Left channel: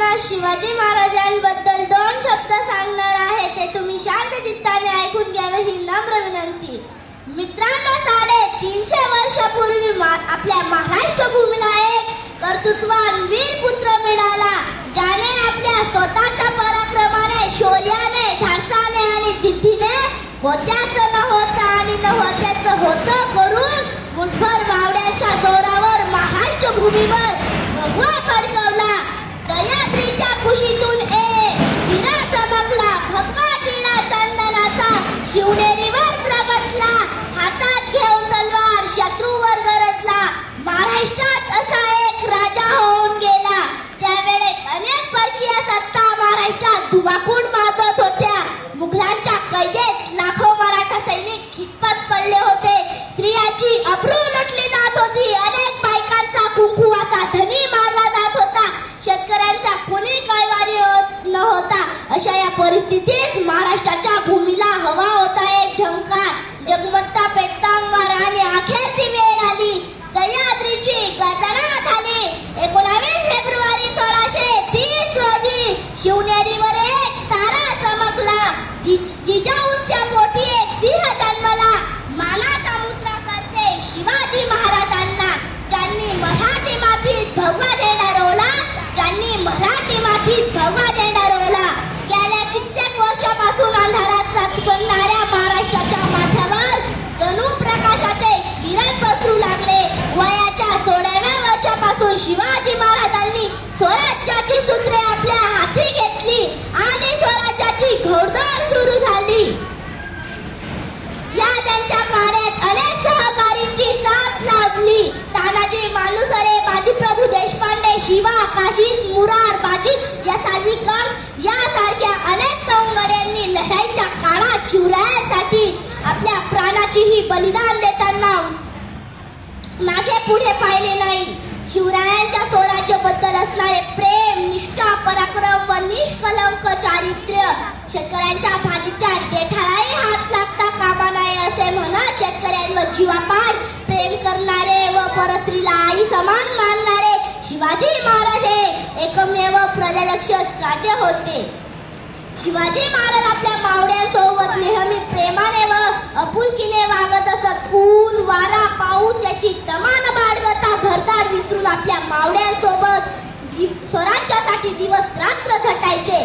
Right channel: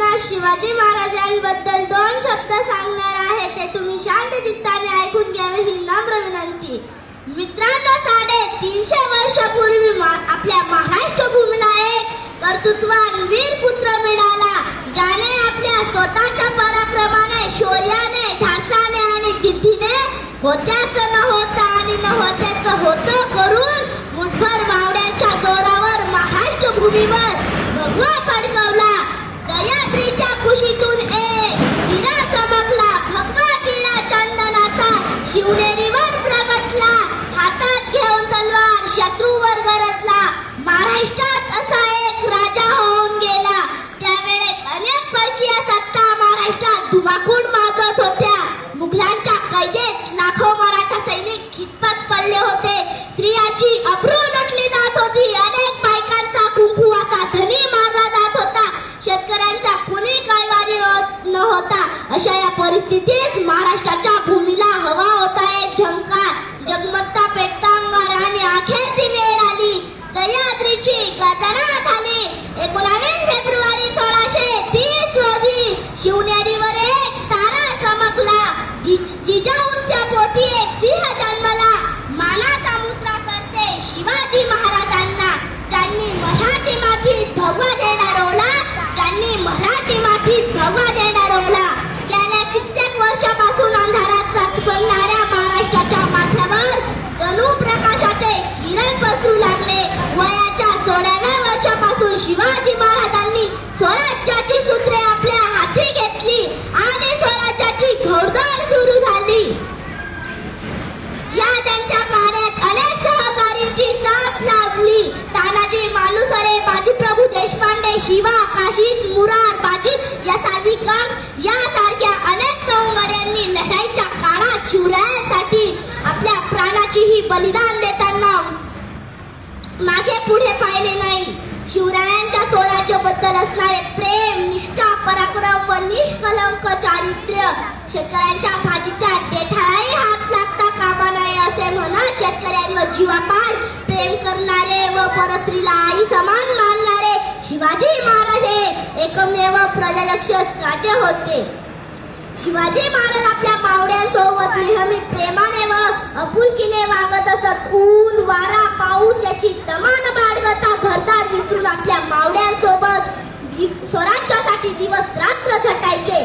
आपणास शिवाजी महाराजांबद्दल दोन शब्द सांगणार आहे ते तुम्ही शांत चित्ताने ऐकून घ्यावे ही नम्र विनंती. मित्रांनो साडे तीनशे वर्षापूर्वी मा- आपल्या महाराष्ट्र भूमीला एक कर्तृत्वान वीर पुत्र मिळाला ज्याने आपल्या स्वतःच्या पराक्रमाने शौर्याने धाडसाने आणि दिद्धीने होत्याचं न होता आणि न होत्याचं होतं करून मुठभर मावड्यांच्या जोरावर महाराष्ट्र भूमीवर भगवा फडकवला Guadalajara. या साजिकम यासारख्या अनेक सौंदर्यांनी लढाईच्या काळात शिवरायासाठी आपल्या प्राणाचीही बलिदान देताना. मागे पुढे पाहिले नाही. शिवरायांच्या स्वराज्याबद्दल असणारे प्रेम निष्ठा पराक्रम व निष्कलंक चारित्र्य शेतकऱ्यांच्या भाजीच्या देठालाही हात लागता कामा नये असे म्हणत शेतकऱ्यांवर जीवापाड प्रेम करणारे व परस्त्रीला आई समान मानणारे शिवाजी महाराज एकमेव प्रजालक्ष राजे होते. शिवाजी महाराज आपल्या मावड्यांसोबत नेहमी प्रेमाने व अपुलकीने वागत असत. ऊन वारा पाऊस याची तमान बाळगता घरदार विसरून आपल्या मावड्यांसोबत स्वराज्यासाठी दिवस रात्र झटायचे